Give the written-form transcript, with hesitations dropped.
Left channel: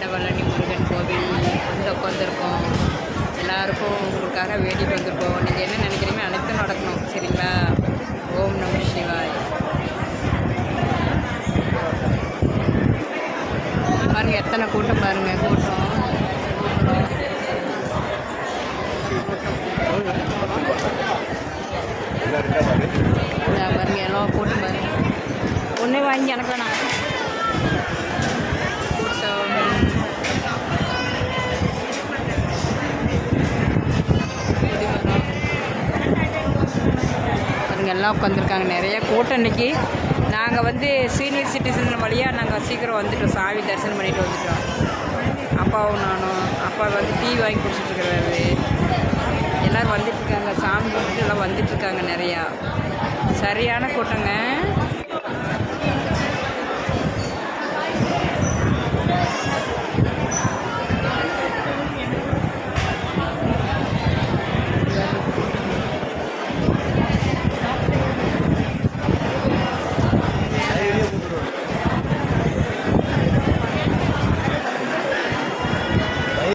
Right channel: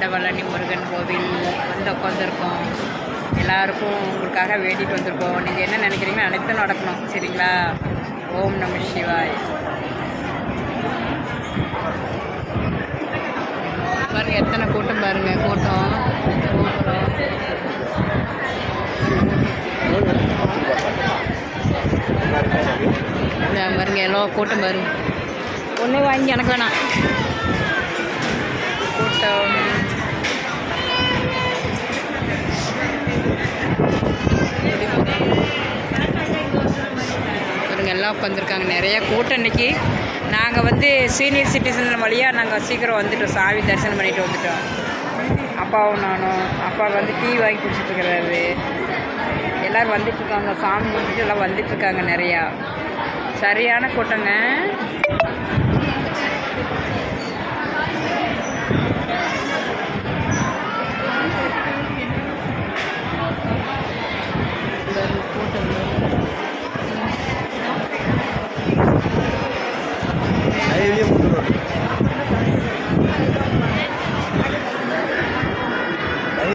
வடபழனி முருகன் கோவில் வந்து உட்காந்துருக்கோம். எல்லாருக்கும் உங்களுக்காக வேண்டிட்டு வந்திருக்கோம். நீங்கள் என்ன நினைக்கிறீங்களோ அனைத்தும் நடக்கணும், சரிங்களா? ஓம் நம சிவாய். பாருங்கள் எத்தனை கூட்டம், பாருங்கள் கூட்டம். பாருங்க எல்லாம் கூட்டம் பாருங்க. ஒன்றே வாங்கி எனக்கு வேணாம். கூட்டம் பாருங்க எல்லாம் உட்காந்துருக்காங்க. நிறைய கூட்டம் இன்றைக்கி. நாங்கள் வந்து சீனியர் சிட்டிசன் வழியாக நாங்கள் சீக்கிரம் வந்துட்டோம். சாமி தரிசனம் பண்ணிட்டு வந்துட்டோம். அப்பாவும் நானும். அப்பா வந்து டீ வாங்கி குடிச்சிட்ருக்கிறாரு. எல்லோரும் வந்துட்டுருக்காங்க. சாமி கும்பிட்டு எல்லாம் வந்துட்டுருக்காங்க. நிறையா சரியான கூட்டங்க.